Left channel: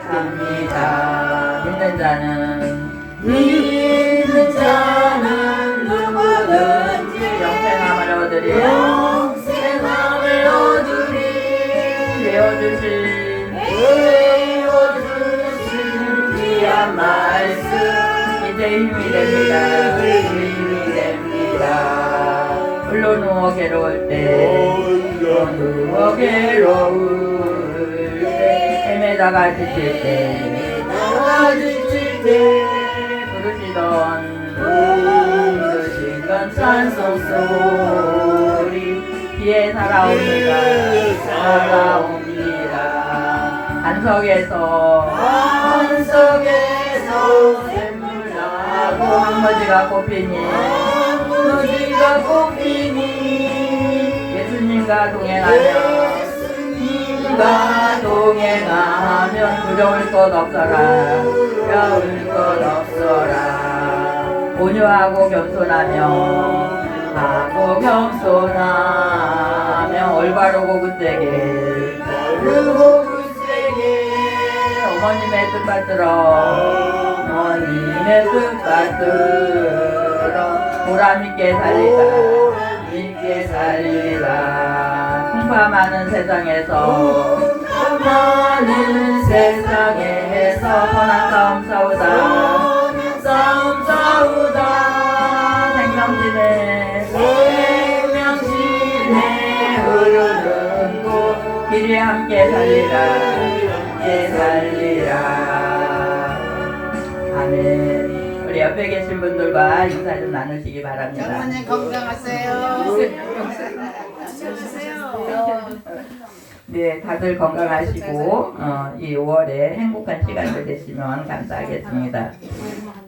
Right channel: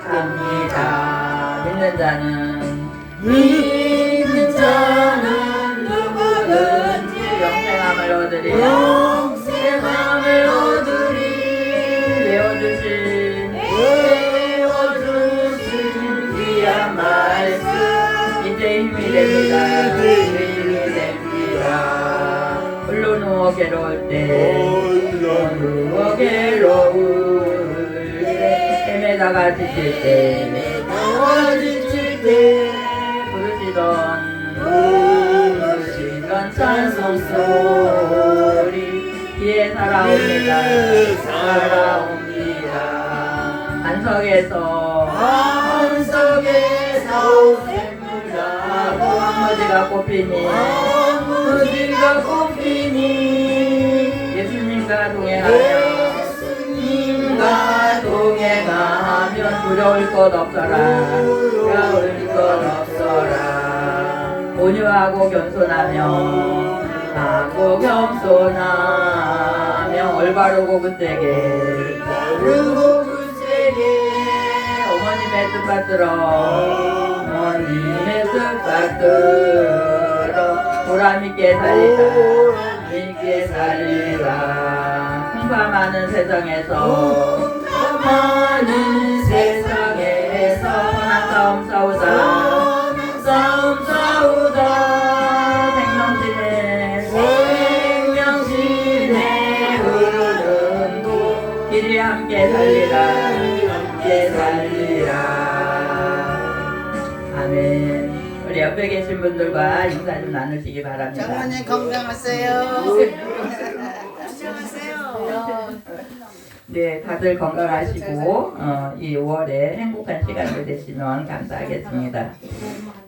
합니다. 믿는 자는 누구든지 영생함을 얻으리. 영생함을 얻으리. 외워주신 귀한 말씀 이제 힘이 됩니다. 힘이 됩니다. 홀로 누워 괴로울 때, 헤매다가 지칠 때, 부르시던 찬송 소리 귀에 살아옵니다. 반석에서 샘물나고 황무지가 꽃피니 예수님과 동행하면 두려울 것 없어라. 온유하고 겸손하며 올바르고 굳세게 어머님의 뜻 받들어 보람있게 살리라. 풍파 많은 세상에서 선한 싸움 싸우다 생명진에 흐르는 곳 길에 함께 살리라. 아멘. 우리 옆에 계신 분들과 인사 좀 나누시기 바랍니다. 장모님 건강하세요. 네, 다들 건강하시고 이 5월에 행복한 시간을 되시면 감사하겠습니다.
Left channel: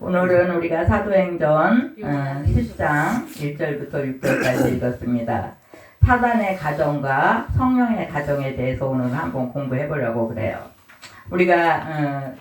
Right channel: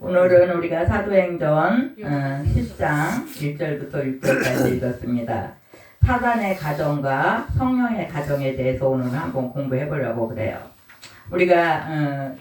오늘은 우리가 사도행전 10장 1절부터 6절까지 읽었습니다. 사단의 가정과 성령의 가정에 대해서 오늘 한번 공부해 보려고 그래요. 우리가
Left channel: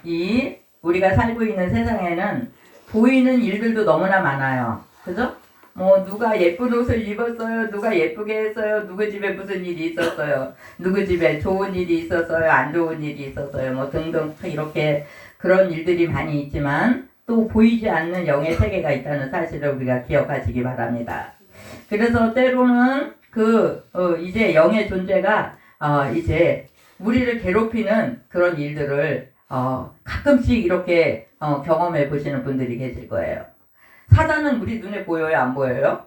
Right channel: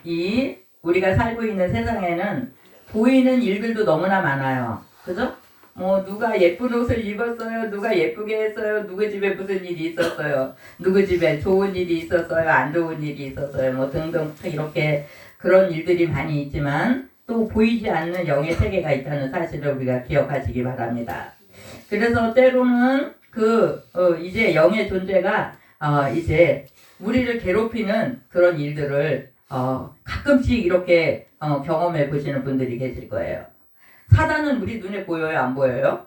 살고 있는 세상에는 보이는 일들도 너무나 많아요. 그죠? 뭐 누가 예쁜 옷을 입었어요, 누가 예쁘게 했어요, 누구 집에 무슨 일이 있었어요, 누구 집에 좋은 일이 있었어요, 안 좋은 일이 있었어요, 뭐 등등 이렇게 그런 일들이 많이 있지만 또 보이지 않는 영의 세계가 있다는 사실을 우리가 기억하시기 바랍니다. 그래서 때로는 이제 영의 존재가 이제 우리를 괴롭히는 그런 일들을 가끔씩 이렇게 경험해 보시는 분들이 계실 거예요. 사단은 우리 눈에 보여요, 안 보여요?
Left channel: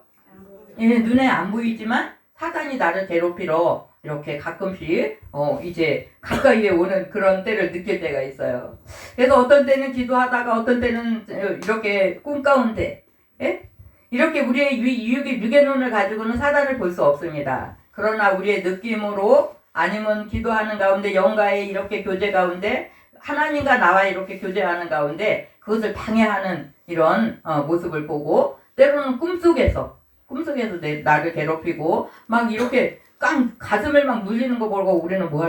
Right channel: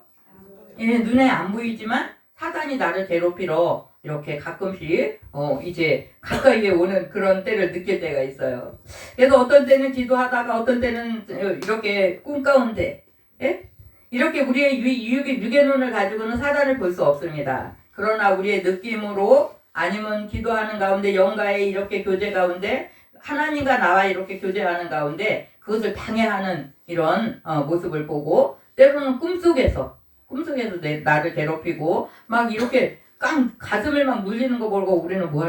예, 눈에 안 보이지만 사단이 나를 괴롭히러 이렇게 가끔씩 이제 가까이에 오는 그런 때를 느낄 때가 있어요. 그래서 어떤 때는 기도하다가 어떤 때는 이렇게 꿈 가운데, 예? 이렇게 우리의 육의 눈을 가지고는 사단을 볼 수 없습니다. 그러나 우리의 느낌으로 아니면 기도하는 가운데 영과의 이렇게 교제 가운데 하나님과 나와 이렇게 교제하는 가운데 그것을 방해하는 이런 모습을 보고 때로는 꿈속에서 나를 괴롭히고 막 이렇게 가슴을 막 눌리는 거 보고 우리는 뭐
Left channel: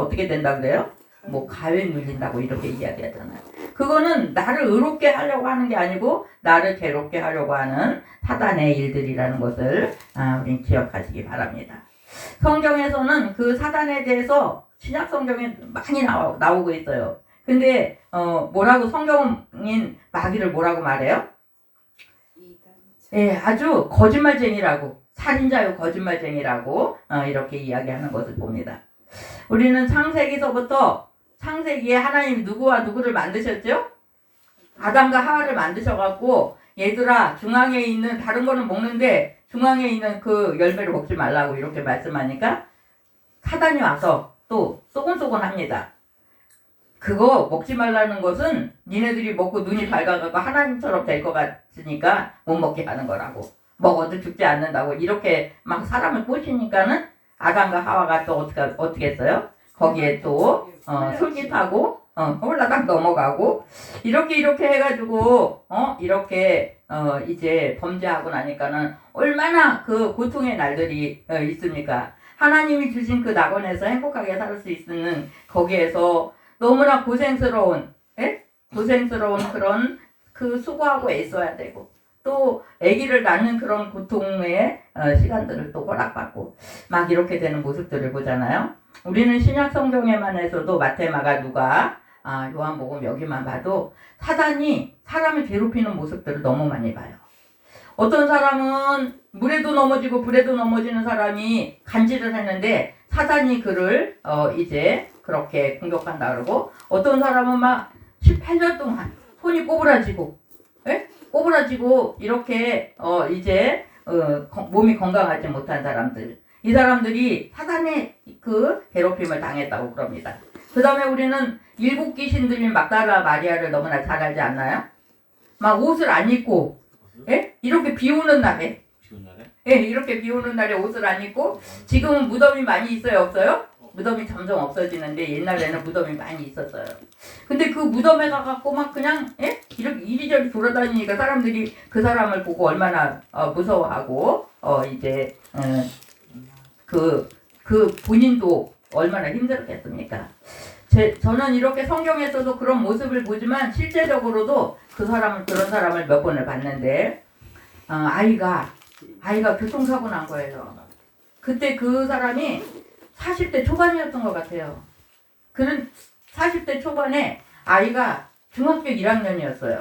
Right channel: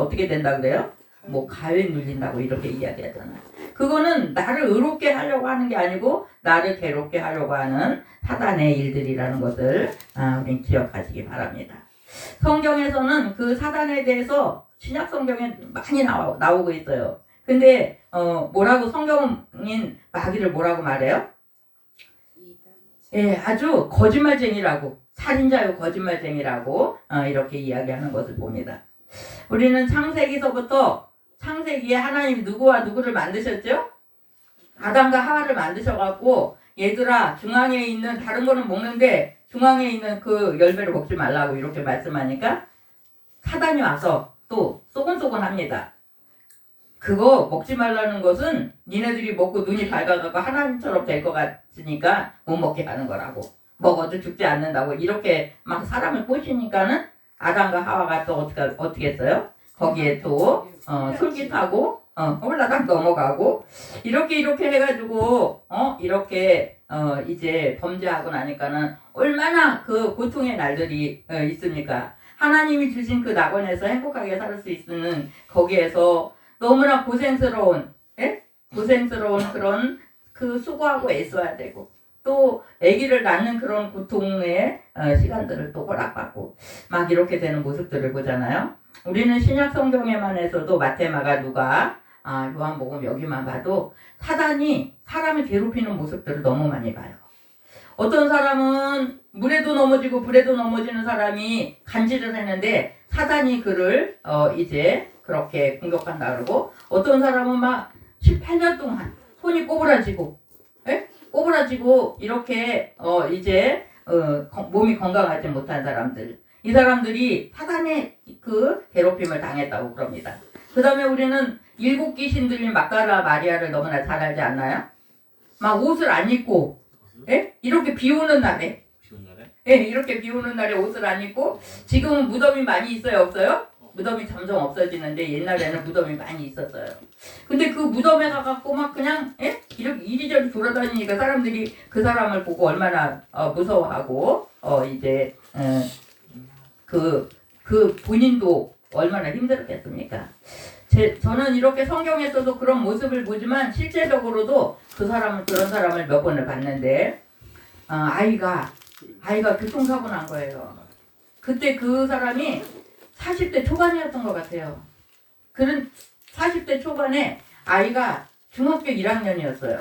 어떻게 된다 그래요? 뭐 가위에 눌린다고 이렇게 이야기하잖아요. 그거는 나를 의롭게 하려고 하는 게 아니고 나를 괴롭게 하려고 하는 사단의 일들이라는 것을 우리 기억하시기 바랍니다. 성경에서는 그 사단에 대해서 신약 성경에 많이 나오고 있어요. 근데 뭐라고 성경인 마귀를 뭐라고 말해요? 예, 아주 거짓말쟁이라고, 살인자요 거짓말쟁이라고 이렇게 이야기하는 것을 봅니다. 우리는 창세기에 하나님이 누구와 누구를 만드셨죠? 아담과 하와를 만드셔갖고 얘들아 중앙에 있는 다른 거는 먹는데 중앙에 있는 그 열매를 먹지 말라고 이렇게 말씀하니까 사단이 와서 또 쏘곤쏘곤합니다. 그거 먹지 말라는 것은 니네들이 먹고 눈이 밝아가고 하나님처럼 될 것 같으니까 못 먹게 하는 거라고. 먹어도 죽지 않는다고 이렇게 막 사람을 꼬시니까는 아담과 하와가 또 어떻게 했어요? 거기에 또 솔깃하고 홀라당 넘어가고 이렇게 해가지고 이렇게 이제 범죄하고 나니까는 얼마나 그 고통의 날들이 있습니까? 하나님이 주신 그 낙원에서 행복하게 살 수 있는 거기에서 너무나 고생스러운 그런 그 수고하고 애써야 되고 또 아기를 낳는 그런 고통의 시간들을 또 허락받고 막 이렇게 되는 모습들을 보잖아요. 우리는 신약 성경에만 해서도 마태, 마가, 누가, 요한복음 여기만 봐도 사단이 사람을 괴롭히는 모습들을 너무 많이 봐요. 어떤 사람은 물에도 넘어지고 불에도 넘어지는 사람이 간질을 했는데 사단이 그를 이제 그렇게 공격한다 그러고, 어떤 사람은 막 18년 동안 손이 꼬부라지고, 예? 꼬부라지고 이렇게 이제 몸이 건강하지 못한 사람들, 이 사람들이 사단의 그 괴롭힘을 당했다고 그럽니다. 그 다음에 우리는 일곱 귀신 들린 막달라 마리아를 너무나 잘 알지 않나요? 막 옷을 안 입고, 예? 이렇게 비 오는 날에, 예, 이렇게 비 오는 날에 옷을 안 입고, 지금은 무덤이 많이 있어요, 없어요? 무덤이 점점 없어지는데 옛날에는 무덤이 많이 있었어요. 근데 그 무덤에 가갖고 막 그냥, 예? 이렇게 이리저리 돌아다니니까 사람들이 그 사람을 보고 얼마나 무서워하고 이제 그 본인도 얼마나 힘들었겠습니까? 저는 이렇게 성경에서도 그런 모습을 보지만 실제적으로도 그런 사람을 몇 번을 봤는데, 아이가 교통사고 난 거예요. 그때 그 사람이 40대 초반이었던 것 같아요. 그런 40대 초반에 아이가 중학교 1학년이었어요.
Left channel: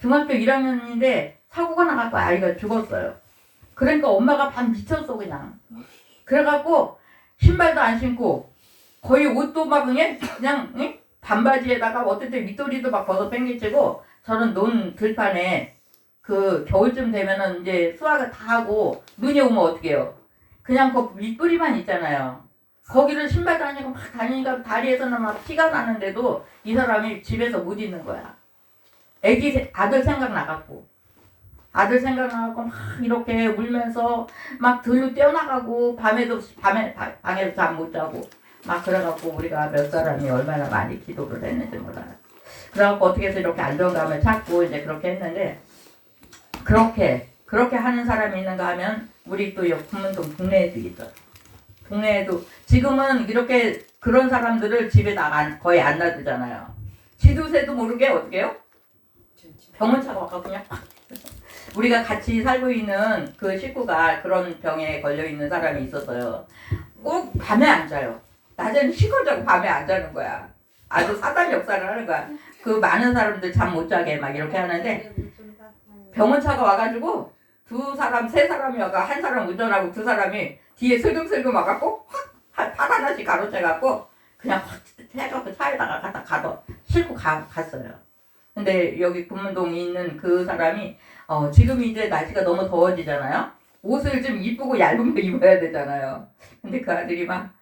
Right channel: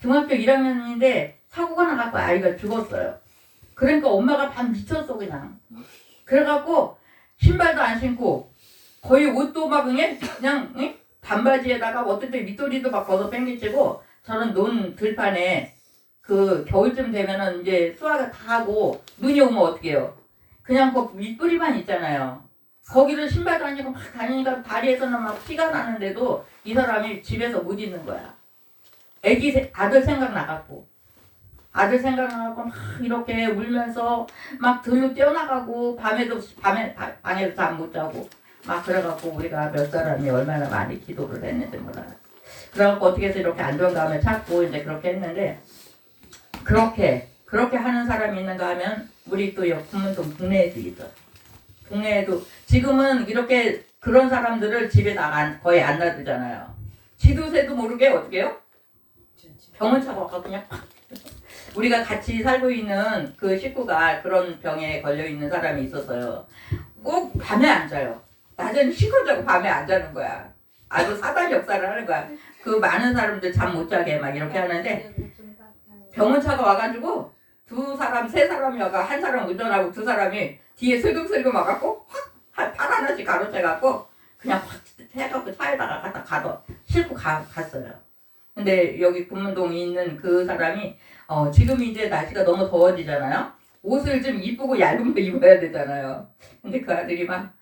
중학교 1학년인데 사고가 나갖고 아이가 죽었어요. 그러니까 엄마가 반 미쳤어 그냥. 그래갖고 신발도 안 신고 거의 옷도 막 그냥 반바지에다가 어떨 때 밑도리도 막 벗어 뺑기치고, 저는 논 들판에 그 겨울쯤 되면은 이제 수화가 다 하고 눈이 오면 어떻게 해요? 그냥 그 밑뿌리만 있잖아요. 거기를 신발도 안 신고 막 다니니까 다리에서는 막 피가 나는데도 이 사람이 집에서 못 있는 거야. 아들 생각나갖고 막 이렇게 울면서 막 들로 뛰어나가고 밤에 방에도 잠 못 자고 막 그래갖고 우리가 몇 사람이 얼마나 많이 기도를 했는지 몰라요. 그래갖고 어떻게 해서 이렇게 안정감을 찾고 이제 그렇게 했는데, 그렇게 하는 사람이 있는가 하면 우리 또 군문동 동네에도 있어요. 동네에도 지금은 이렇게 그런 사람들을 집에 거의 안 놔두잖아요. 지도새도 모르게 어떻게 해요? 병원 차가 와서 그냥 팍. 우리가 같이 살고 있는 그 식구가 그런 병에 걸려 있는 사람이 있었어요. 꼭 밤에 안 자요. 낮에는 실컷 자고 밤에 안 자는 거야. 아주 사단 역사를 하는 거야. 그 많은 사람들 잠 못 자게 막 이렇게 하는데, 병원차가 와가지고 세 사람이 와가 한 사람 운전하고 두 사람이 뒤에 슬금슬금 와갖고 팔 하나씩 가로채갖고 그냥 확 해갖고 차에다가 갖다 싣고 갔어요. 근데 여기 군문동에 있는 그 사람이 지금 이제 날씨가 너무 더워지잖아요. 옷을 좀 이쁘고 얇은 거 입어야 되잖아요. 근데 그 아들이 막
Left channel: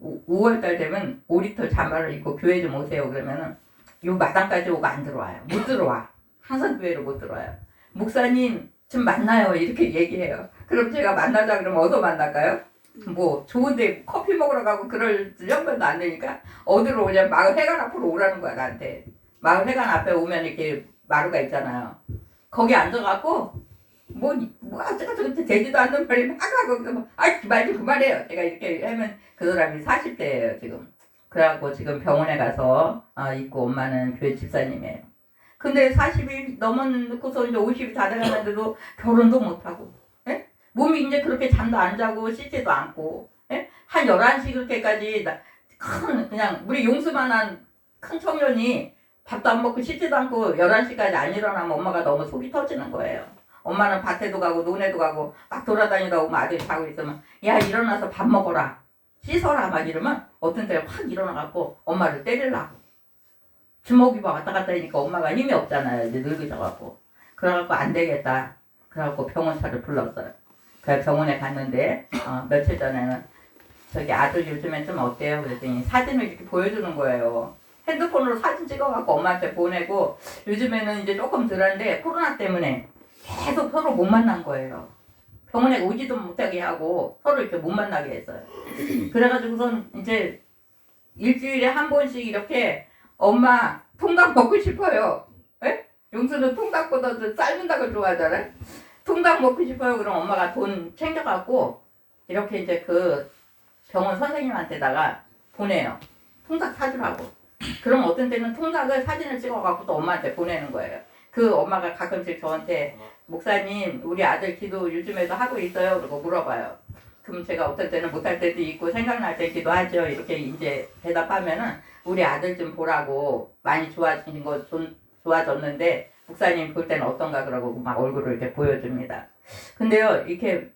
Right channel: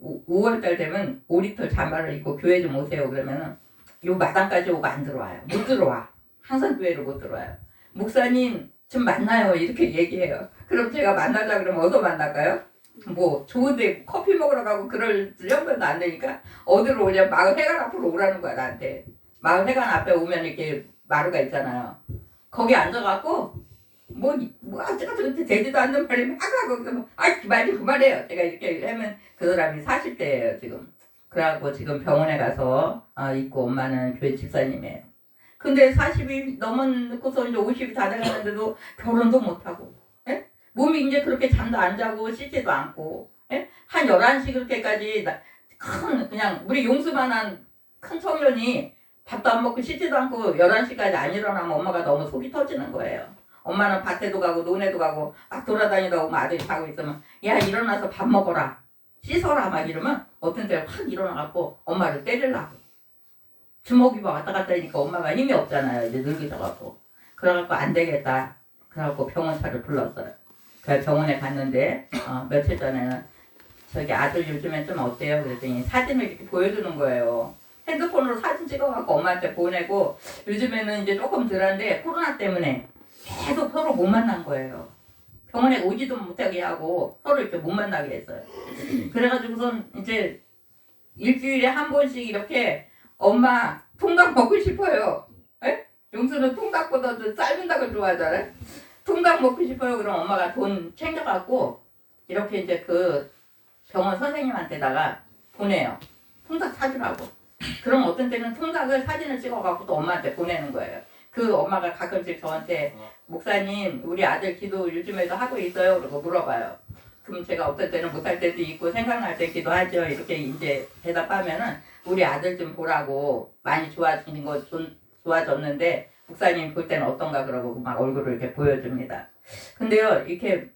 5월달 되면 5리터 잠바를 입고 교회 좀 오세요 그러면은 요 마당까지 오고 안 들어와요. 못 들어와. 한산교회로 못 들어와요. 목사님 좀 만나요 이렇게 얘기해요. 그럼 제가 만나자 그러면 어디서 만날까요? 뭐 좋은데 커피 먹으러 가고 그럴 형편도 안 되니까 어디로 오냐, 마을 회관 앞으로 오라는 거야 나한테. 마을 회관 앞에 오면 이렇게 마루가 있잖아요. 거기 앉아갖고 뭐 어쩌고저쩌고 되지도 않는 말이 막 하고 말 좀 그만해요. 제가 이렇게 하면 그 사람이 40대예요 지금. 그래갖고 지금 병원에 가서 있고, 엄마는 교회 집사님이에요. 근데 40이 넘어놓고서 이제 50이 다 돼가는데도 결혼도 못하고, 예? 몸이 이제 그렇게 잠도 안 자고 씻지도 않고, 예? 한 11시 그렇게까지 그냥 우리 용수만한 큰 청년이 밥도 안 먹고 씻지도 않고 11시까지 안 일어나면 엄마가 너무 속이 터지는 거예요. 엄마는 밭에도 가고 논에도 가고 막 돌아다니다 오면 아들이 자고 있으면 야 일어나서 밥 먹어라 씻어라 막 이러면 어떤 때는 확 일어나갖고 엄마를 때리려고 주먹이 왔다 갔다 하니까 엄마가 힘이 없잖아요. 이제 늙으셔갖고. 그래갖고 안 되겠다. 그래갖고 병원차를 불렀어요. 그래서 병원에 갔는데 며칠 전에는 저기 아들 요즘엔 좀 어때요? 그랬더니 사진을 이렇게 보여주는 거예요. 핸드폰으로 사진 찍어갖고 엄마한테 보내고, 요즘에는 이제 조금 덜한데 코로나 때문에 계속 서로 못 만난 거예요. 병원에 오지도 못하게 하고 서로 이렇게 못 만나게 했어요. 그래가지고선 이제 일주일에 한 번씩 이렇게 엄마 통닭 먹고 싶어요. 에? 용수는 통닭보다도 삶은 닭을 좋아하잖아요. 통닭 먹고 싶어요. 그럼 엄마가 돈 챙겨갖고 이렇게 이제 그 병원 선생님한테다가 보내요. 통닭 사주라고. 그럼 어떤 때는 통닭을 사진을 찍어갖고 또 엄마한테 보내는 거예요. 그 엄마가 가끔씩 저한테 목사님 우리 아들 기도 요즘에도 하고 있어요? 그러고 물어봐요. 그럼 제가 어떨 때는 못할 때도 있고 생각날 때 기도하죠. 이렇게 이제 대답하면은 우리 아들 좀 보라고 많이 좋아지는 거 좋아졌는데 목사님 볼 때는 어떤가 그러고 막 얼굴을 이렇게 보여줍니다. 근데요 이렇게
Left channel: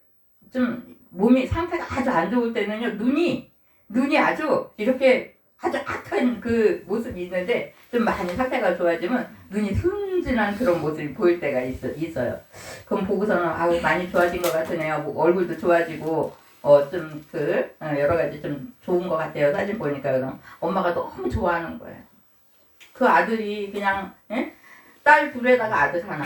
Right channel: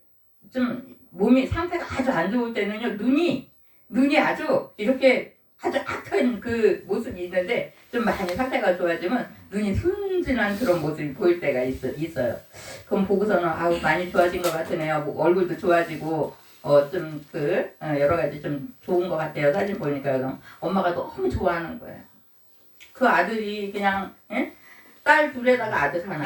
좀 몸이 상태가 아주 안 좋을 때는요 눈이 아주 이렇게 아주 악한 그 모습이 있는데 좀 많이 상태가 좋아지면 눈이 순진한 그런 모습이 보일 때가 있어요. 그럼 보고서는 아우 많이 좋아진 것 같으네요. 뭐 얼굴도 좋아지고 좀 여러 가지 좀 좋은 것 같아요. 사진 보니까 그럼 엄마가 너무 좋아하는 거예요. 그 아들이 그냥 딸 둘에다가 아들 하나.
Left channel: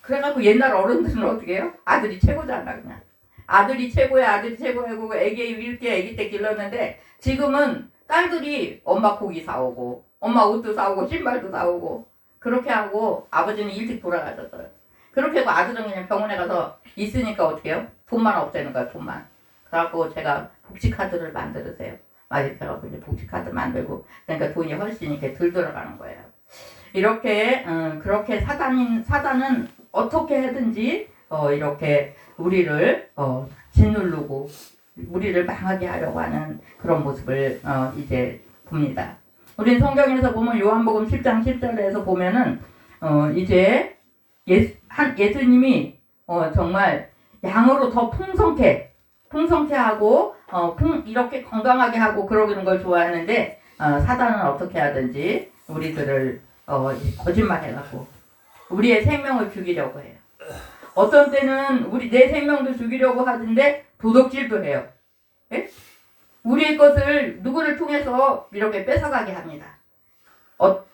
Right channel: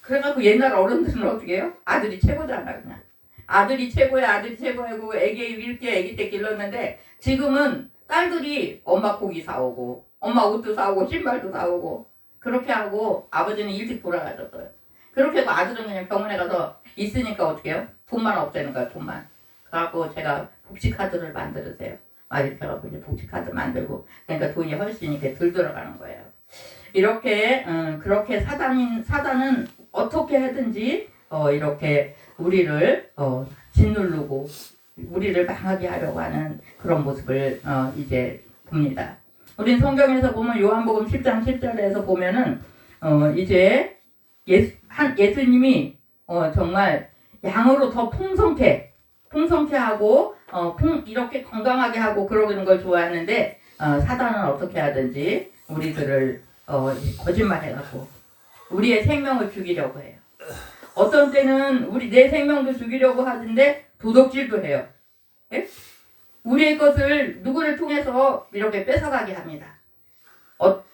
그래갖고 옛날 어른들은 어떻게 해요? 아들이 최고잖아 그냥. 아들이 최고야 아들이 최고야고 애기 이렇게 애기 때 길렀는데 지금은 딸들이 엄마 고기 사오고 엄마 옷도 사오고 신발도 사오고 그렇게 하고 아버지는 일찍 돌아가셨어요. 그렇게 하고 아들은 그냥 병원에 가서 있으니까 어떻게 해요? 돈만 없애는 거야 돈만. 그래갖고 제가 복지카드를 만들으세요. 막 이렇게 해갖고 이제 복지카드 만들고 그러니까 돈이 훨씬 이렇게 덜 들어가는 거예요. 이렇게 그렇게 사단은 어떻게 하든지 이렇게 우리를 짓누르고 우리를 망하게 하려고 하는 그런 모습을 이제 봅니다. 우린 성경에서 보면 요한복음 10장 10절에서 보면은 이제 예수님이 정말 양으로 더 풍성케 하고 이렇게 건강하게 하고 그러는 걸 좋아하는데 사단은 어떻게 하든지 우리들을 거짓말해갖고 우리의 생명을 죽이려고 해요. 어떤 때는 내 생명도 죽이려고 하는데 도둑질도 해요. 예? 우리의 것을 누구를 통해서 이렇게 뺏어가게 합니다.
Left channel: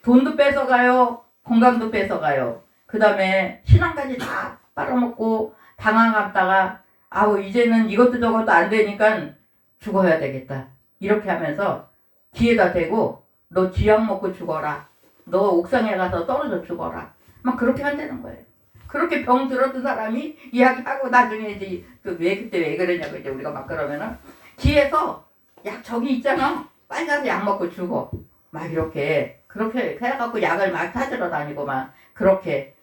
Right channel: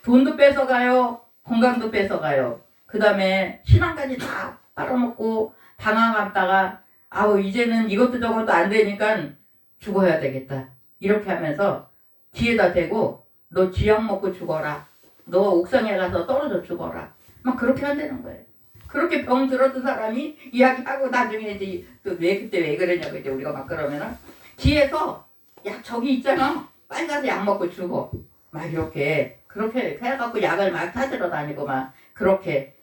돈도 뺏어가요. 건강도 뺏어가요. 그 다음에 신앙까지 다 빨아먹고 당황하다가 아우 이제는 이것도 저것도 안 되니까 죽어야 되겠다. 이렇게 하면서 뒤에다 대고 너 쥐약 먹고 죽어라. 너 옥상에 가서 떨어져 죽어라. 막 그렇게 만드는 거예요. 그렇게 병 들었던 사람이 이야기하고 나중에 이제 그때 왜 그러냐고 이제 우리가 막 그러면은 뒤에서 약 저기 있잖아. 빨리 가서 약 먹고 죽어. 막 그렇게 해갖고 약을 막 찾으러 다니고 막 그렇게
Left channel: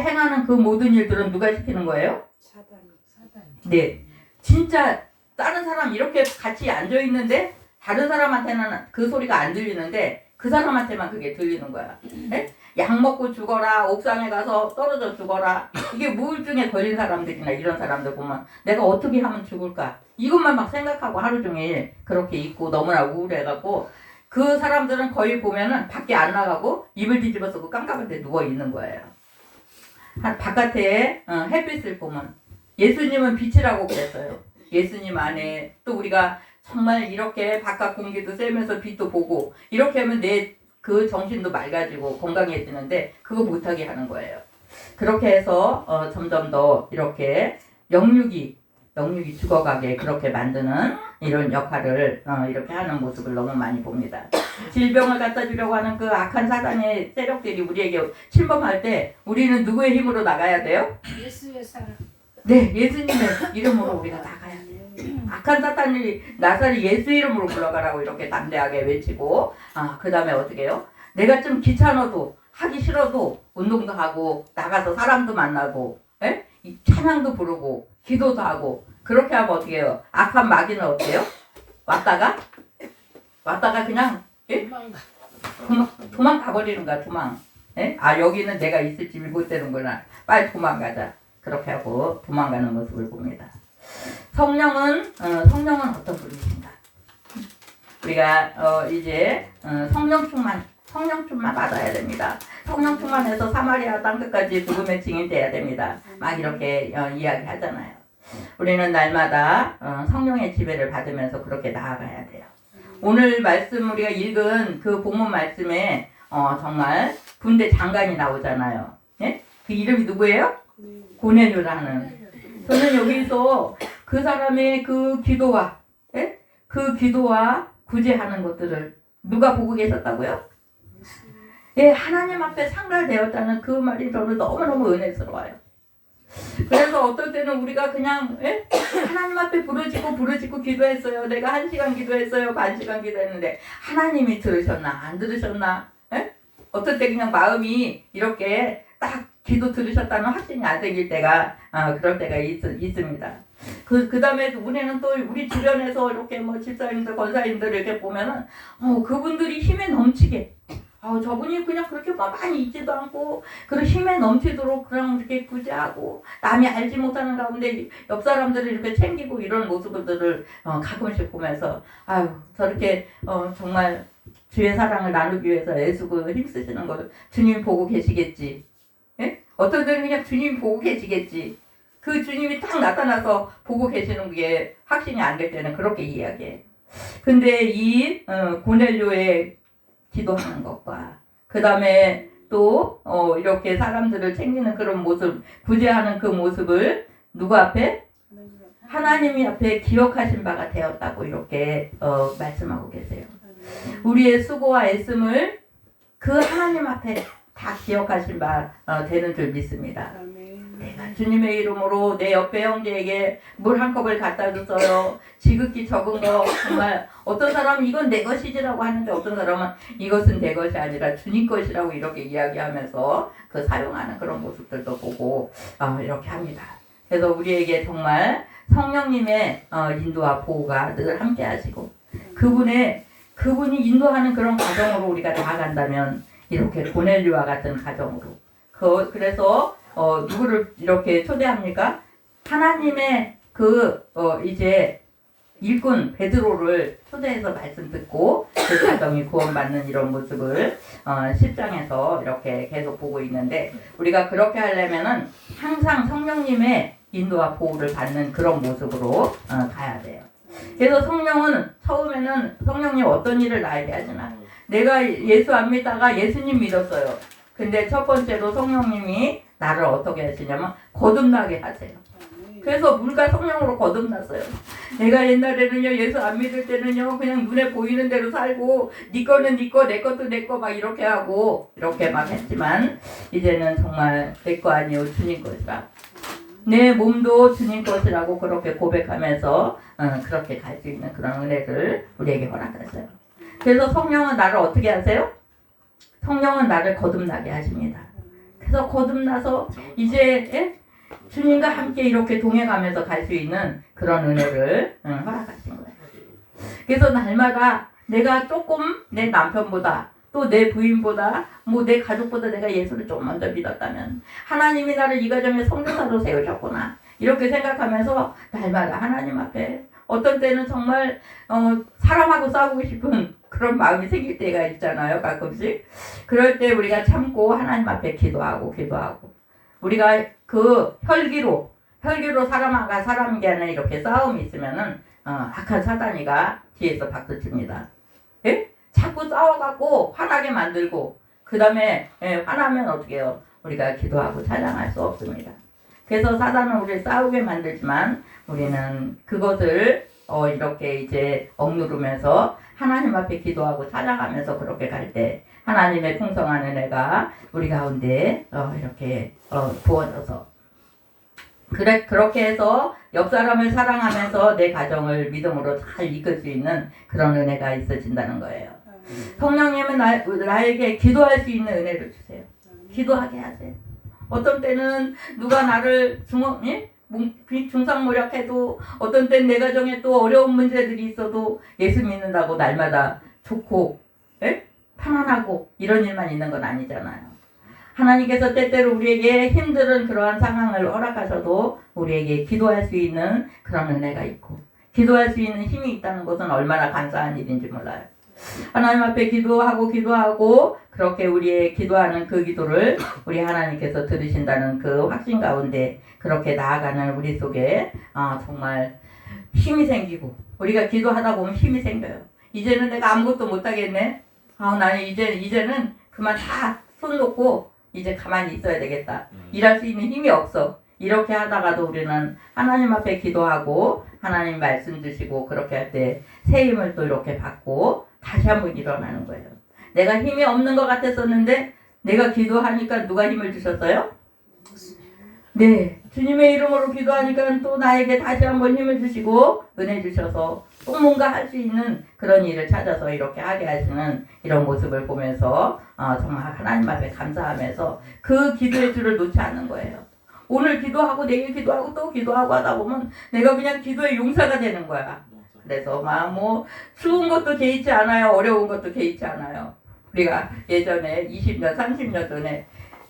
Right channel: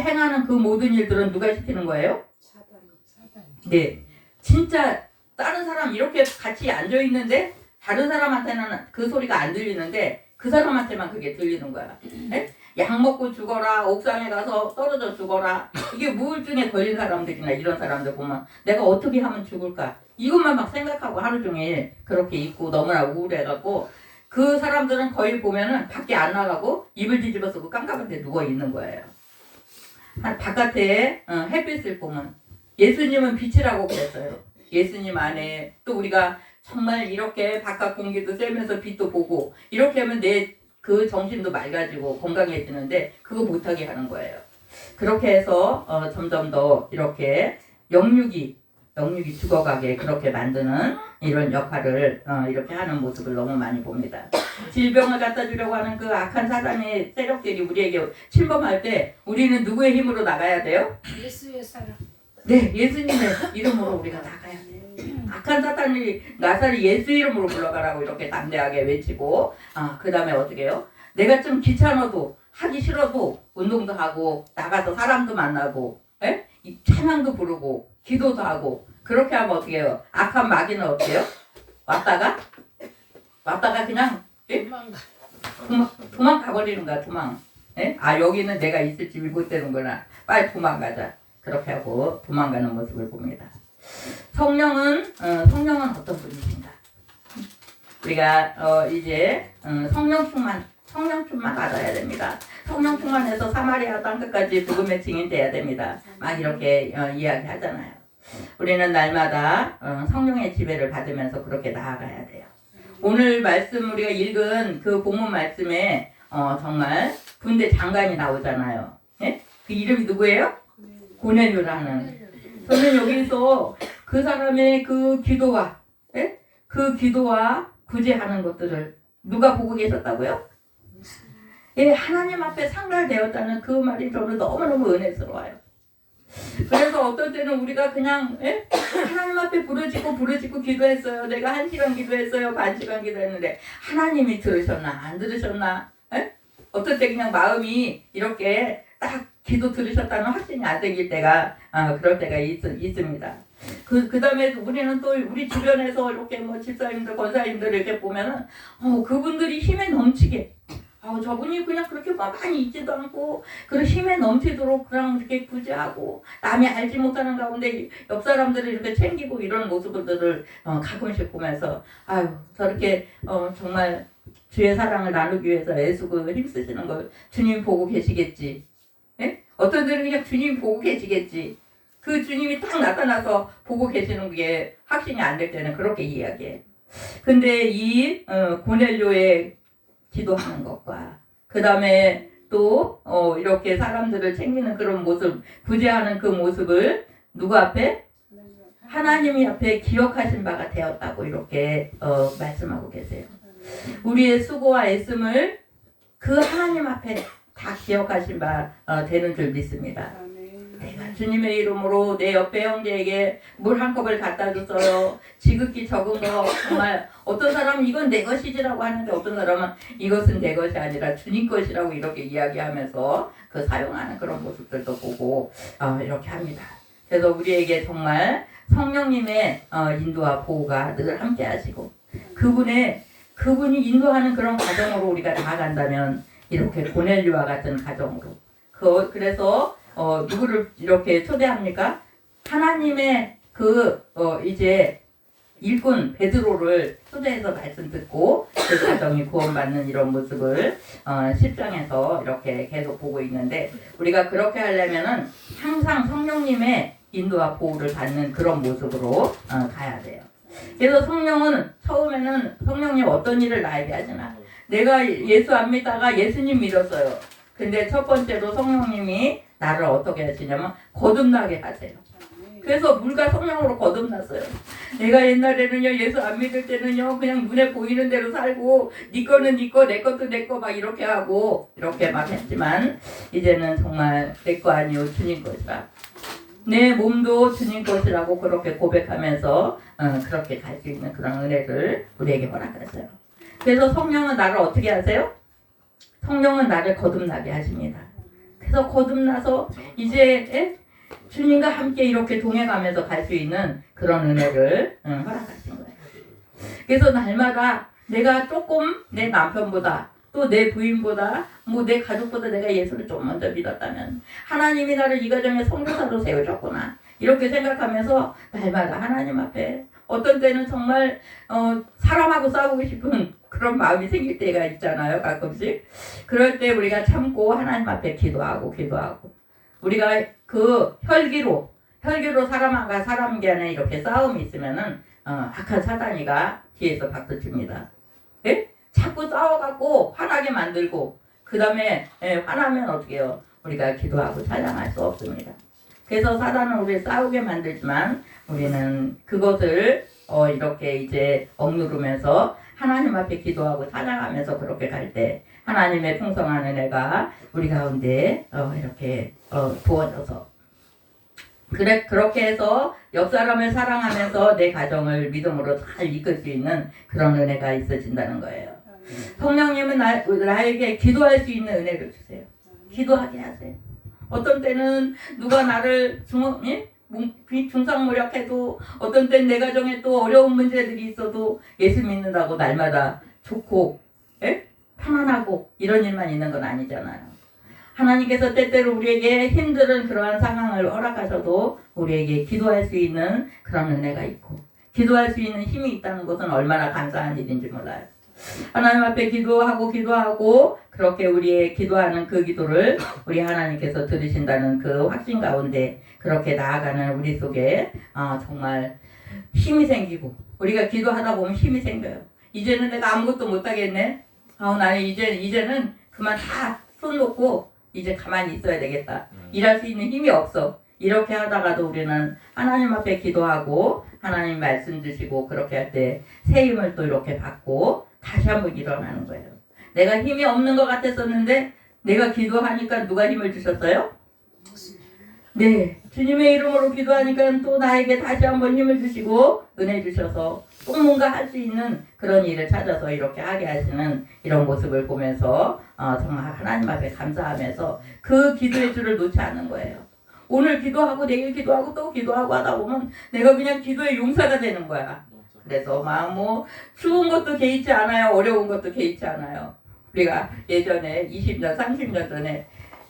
행하는 그 모든 일들은 누가 시키는 거예요? 사단. 네. 진짜 다른 사람 이렇게 같이 앉아 있는데 다른 사람한테는 그 소리가 안 들리는데 그 사람한테만 그게 들리는 거야. 네? 약 먹고 죽어라. 옥상에 가서 떨어져 죽어라. 이게 우울증에 걸린 사람들이나 이런 사람들 보면 내가 어떻게 하면 죽을까? 이것만 막 생각하고 하루 종일 그렇게 있고 너무나 우울해갖고 그 사람들은 거의 보면은 밖에 안 나가고 이불 뒤집어 쓰고 깜깜한 데 누워 있는 거예요. 바깥에 햇빛을 보면 예수님은 빛이라고 그랬어요. 예수님 안에 또 우리가 정말 이렇게 바깥 공기도 쐬면서 빛도 보고 이렇게 하면 내 그 정신도 맑아지고 건강해지는데 그거 못하게 하는 거예요. 그렇게 해서 점점 더 이렇게 영육이 죽어가게 그렇게 만드는 이런 역할을 이렇게 하는 모습을 너무 많이 봅니다. 질병을 갖다 주려고 하는 그 악한 사단의 세력들이 우리에게 침범할 때 우리는 누구의 힘으로 나가야 돼요? 예수의 사랑. 네, 예수님의 이름으로 우리가 나가야 돼요. 악한 사탄이 나사리 예수 이름으로 물러가라고 이렇게 담대하게 외치고 그 다음에 어떻게 해요? 내가 좀 귀찮아도 하기 싫어도 운동도 하고 나가서 사람도 만나고 찬양도 부르고 기도도 하고 그렇게 하면 어떻게 해요? 악한 마귀는 어떻게 해요? 왔다가 그냥 도망가 버리는 거야. 도망. 여기는 내가 있을 집이 못 되는구나. 빨리 도망가자. 그렇게 하고 도망가는 모습을 봅니다. 성령은 어떤 분이신가? 우리가 이제 성령 충만 받아야 됩니다. 성령 충만해서 사마리아 땅 끝까지 복음의 증인 돼야 됩니다. 막 이렇게 이야기하잖아요. 우리는 날마다 성령의 지배를 받으면서 그렇게 나아가야 돼요. 오늘 말씀 우리가 읽은 그 본문 말씀에 정말 군대 장관이 나오잖아요. 예? 그 이름이 누구예요? 고넬료라는. 저는 여기서 그 사람의 그 기도와 구제하는 것들을 누가 보고 계셨다고요? 예, 하나님 앞에 상달되었다는 그 말이 저는 너무너무 은혜스러워요. 그래서 어떨 때는 우리가 그냥 하나님 앞에 부르짖고 기도했어요. 내가 1시간 기도했어요. 반 시간 기도했는데 하나님이 들으셨나 안 들으셨나? 어떨 때 그냥 마음이 이렇게 딱 기도 들으셨다는 확신이 안 생길 때가 그럴 때가 있습니다. 그 다음에 우리는 또 우리 주변에서 이렇게 뭐 집사님들, 권사님들 이렇게 보면은 그분들이 힘에 넘치게 저분이 그냥 그렇게 많이 있지도 않고 그런 힘에 넘치도록 그냥 이렇게 구제하고 남이 알지 못하는 가운데 옆 사람들을 이렇게 챙기고 이런 모습들을 가끔씩 보면서 저렇게 정말 주의 사랑을 나누기 위해서 애쓰고 힘쓰시는 걸 주님이 보고 계시겠지. 예? 어떤 때는 그냥 주님이 보고 계시겠지. 그 주님이 딱 나타나서 보고 계시는 게 확신이 안 될 때는 그렇게 이야기해. 근데 이 고넬료의 기도하는 것과 그 다음에 또 이렇게 사람들을 챙기는 그런 모습, 구제하는 그 모습을 누구 앞에? 하나님이 앞에 기억하신 바가 되었다고 이렇게 말씀하고 계세요. 우리의 수고와 애씀을 그 하나님 앞에 다 기억하신 바 되는 줄 믿습니다. 내가 주님의 이름으로 내 옆에 형제에게 물 한 컵을 갖다 줬어요. 지극히 적은 거 정말 어떤 사람은 이건 내 것이지라고 하는데 어떤 사람은 이것은 내 것이 아니라 주님 것이라고 이렇게 이야기하면서 그 사용하는 그런 모습들도 보고 이렇게 합니다. 그래서 우리에게 정말 성령님의 인도와 보호가 늘 함께 하시고 그분이 인도하는 그런 과정으로 우리가 나아간다면 이렇게 고넬료와 같은 가정으로 그래서 누구를 이렇게 초대합니까? 하나님의 이제 일꾼 베드로를 초대해서 말씀 듣고 그 가정이 구원받는 이런 모습을 10장에서 이렇게 계속 보고 있는데 우리가 그렇게 하려면은 항상 성령님의 인도와 보호를 받는 그런 모습으로 가야 돼요. 그래서 성령은 처음에는 성령님 어떤 일을 나에게 하시나? 내가 예수 안 믿다가 예수님 믿었어요. 근데 첫 번째로 성령님이 나를 어떻게 하시냐면 거듭나게 하세요. 그래서 물과 성령으로 거듭났어요. 내가 옛날에는요 예수 안 믿을 때는요 그냥 눈에 보이는 대로 살고 네 거는 네 거, 내 것도 내 거 막 이렇게 하고 이렇게 막 했지만 이제는 정말 내 거 아니요 주님 것이라 내 몸도 주님 것이라고 그렇게 고백하면서 그렇게 갈 수 있는 그런 은혜를 우리에게 허락하셔요. 그래서 성령은 나를 어떻게 하세요? 성령은 나를 거듭나게 하십니다. 그래서 거듭나서 이제 주님과 함께 이렇게 동행하면서 갈 수 있는 그런 은혜를 허락하신 거예요. 그래서 날마다 내가 조금 내 남편보다 또 내 부인보다 뭐 내 가족보다 내가 예수를 좀 먼저 믿었다면 하나님이 나를 이 가정에 선교사로 세우셨구나 이렇게 생각하면서 날마다 하나님 앞에 어떤 때는 정말 사람하고 싸우고 싶은 그런 마음이 생길 때가 있잖아요. 가끔씩. 그럴 때 우리가 참고 하나님 앞에 기도하고 우리가 그 혈기로 사람과 사람 간에 이렇게 싸움이 있으면은 악한 사단이가 뒤에서 박수 칩니다. 예? 자꾸 싸워갖고 화나게 만들고 그 다음에 화나면 어떻게 해요? 우리가 기도하고 찬양할 수 없습니다. 그래서 사단은 우리를 싸우게 만들지만 우리는 그것을 이렇게 이제 억누르면서 하나님 앞에 기도하고 찬양하면서 그렇게 갈 때 하나님의 풍성한 은혜가 우리 가운데 이렇게 부어져서 그렇게 해서 옆 사람을 사랑하면서 내 가정을 믿음으로 잘 이끌 수 있는 그런 은혜가 있어진다는 거예요. 성령님은 나에게 기도할 수 있는 은혜를 주세요. 기도하게 하세요. 어떤 때는 누가 나를 중상모략해도 어떤 때는 내 가정에 또 어려운 문제들이 있어도 예수 믿는다고 날마다 좋고 편안하고 이런 일만 있는 건 아니잖아요. 하나님께서 때때로 우리에게 힘든 그러한 상황을 허락하셔도 우리에게 기도할 수 있는 그런 은혜가 있고 기도할 수 있는 힘이 있다는 것은 얼마나 감사한 일인지 몰라요. 하나님 앞에 기도하고 그렇게 우리의 기도하는 그 기도를 우리 하나님께서 들으신다는 그 확신 가운데 그렇게 나아가는 우리 속에 정말 힘이 생기고 우리가 기도하다 보면 힘이 생겨요. 이제는 내가 아무것도 못하겠네. 나는 이제는 그만 다 손 놓고 이제 가만히 있어야 되겠다. 일할 수 있는 힘이 없어. 이렇게 하다가도 우리는 하나님 앞에 기도하고 하나님 말씀 주시고 그렇게 할 때 새 힘을 또 이렇게 받고 다시 한번 일어나는 거예요. 내가 힘이 없는 것 같았었는데 내가 기도하니까 누가 힘을 주셨어요? 네, 주님의 이름으로 기도하니까 또 나에게 다시 한번 힘을 주시고 은혜 주셔서 또 뭔가 할 수 있는 그런 일을 찾아서 이렇게 하게 하시는 이런 모습을 보면서 정말 하나님 앞에 감사하면서 그 기도의 줄을 놓지 않는 거예요. 오늘 기도하고 내일 기도하고 또 기도하고 하다 보면 내가 그냥 기도의 용사가 되는 거야. 그래서 막 뭐 쉬운 것도 개의치 않아요. 어려운 것도 개의치 않아요. 우리가 예전에 20년, 30년 전에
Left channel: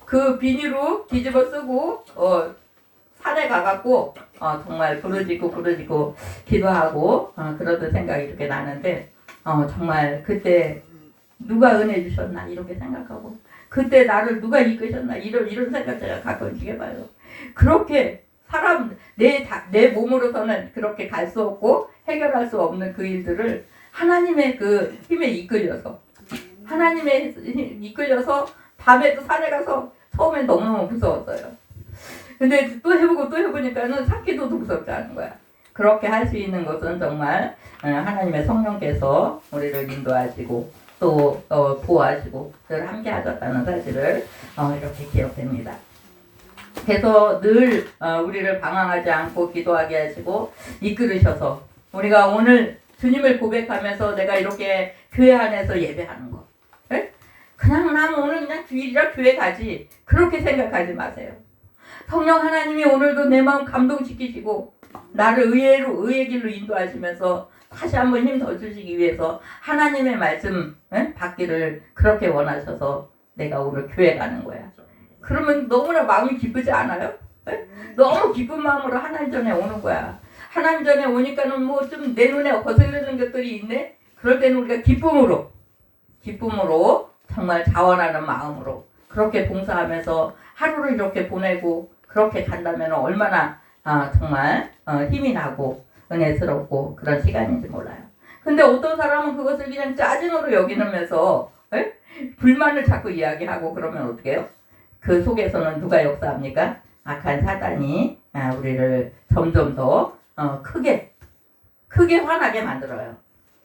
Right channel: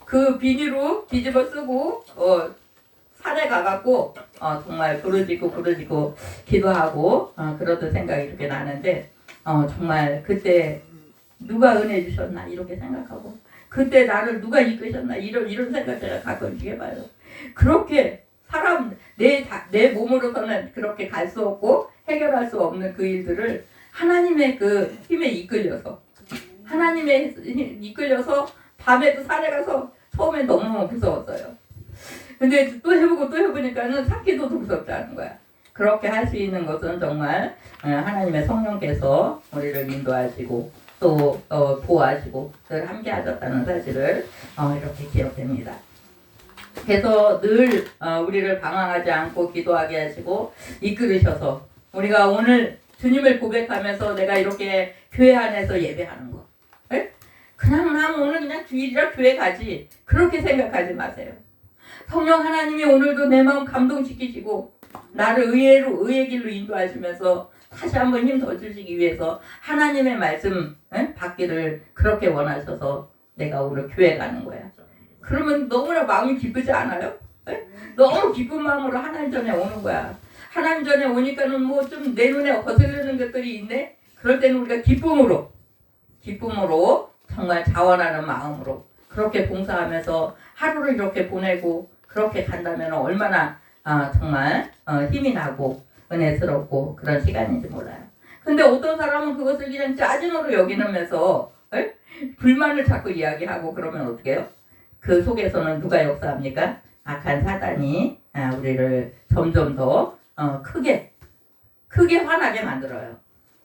그 비닐로 뒤집어 쓰고 산에 가갖고 정말 부르짖고 기도하고 그러던 생각이 이렇게 나는데 정말 그때 누가 은혜 주셨나 이렇게 생각하고 그때 나를 누가 이끄셨나 이런 생각 제가 가끔씩 해봐요. 그렇게 사람 내 몸으로서는 그렇게 갈 수 없고 해결할 수 없는 그 일들을 하나님의 그 힘에 이끌려서 하나님의 이끌려서 밤에도 산에 가서 처음엔 너무너무 무서웠어요. 근데 또 해보고 또 해보니까는 산기도도 무섭지 않은 거야. 그렇게 할 수 있는 것은 정말 하나님의 성령께서 우리를 인도하시고 또 보호하시고 늘 함께 하셨다는 사실을 이렇게 기억됩니다. 그래서 늘 우리를 방황하지 않고 기도하게 하시고 이끌으셔서 우리가 오늘 주님을 고백하면서 내가 이렇게 교회 안에서 예배하는 거 에? 그냥 난 오늘 그냥 주일이라 교회 가지 그렇게 생각하지 마세요. 성령 하나님이 오늘도 내 마음 감동시키시고 나를 의의 길로 인도하시면서 다시 한번 힘 더 주시기 위해서 하나님의 말씀 받기를 그렇게 원하셔서 내가 오늘 교회 가는 거야. 그러면 너무나 마음이 기쁘지 않아요? 에? 너무 기쁜 마음으로 하나님 전에 오는 거야. 하나님 전에 오니까는 뭐 좀 내 눈에 거슬리는 것들이 있네. 그럴 때는 우리가 기쁨으로 정말 자원하는 마음으로 그렇게 봉사하면서 하루를 이렇게 보내고 그렇게 간다면 얼마나 정말 힘이 나고 은혜스럽고 그런 시간인지 몰라요. 근데 어떤 사람은 그것을 그냥 짜증으로 여기면서 불만을 자꾸 이야기하고 그러면 어떻게 해요? 그 속에서는 누가 역사합니까? 악한 사단이 우리를 점점 더 크게 화나게 만들어요.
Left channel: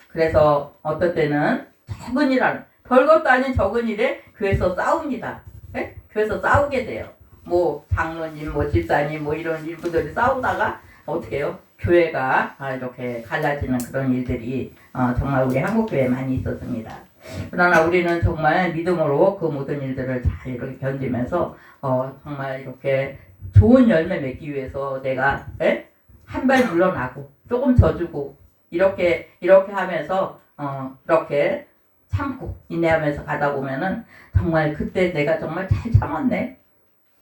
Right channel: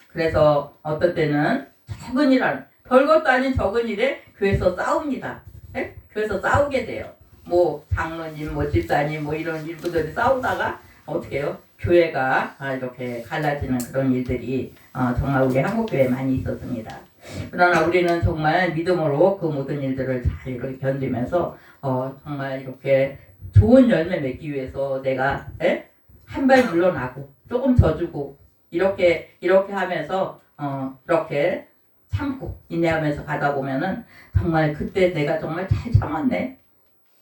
그래서 어떤 때는 적은 일, 별것도 아닌 적은 일에 교회에서 싸웁니다. 교회에서 싸우게 돼요. 뭐 장로님, 뭐 집사님, 뭐 이런 일부들이 싸우다가 어떻게 해요? 교회가 이렇게 갈라지는 그런 일들이 정말 우리 한국교회에 많이 있었습니다. 그러나 우리는 정말 믿음으로 그 모든 일들을 잘 이렇게 견디면서 정말 이렇게 좋은 열매 맺기 위해서 내가 한 발 물러나고 조금 져주고 이렇게 하면서 이렇게 참고 인내하면서 가다 보면은 정말 그때 내가 정말 잘 참았네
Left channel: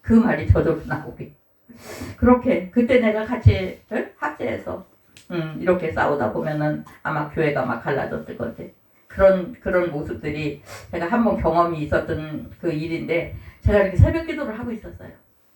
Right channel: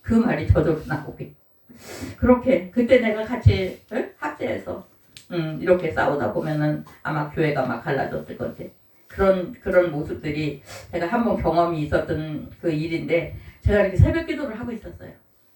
그 말이 저절로 나오게 그렇게 그때 내가 같이 합세해서 이렇게 싸우다 보면은 아마 교회가 막 갈라졌을 것 같아. 그런 모습들이 제가 한번 경험이 있었던 그 일인데 제가 이렇게 새벽 기도를 하고 있었어요.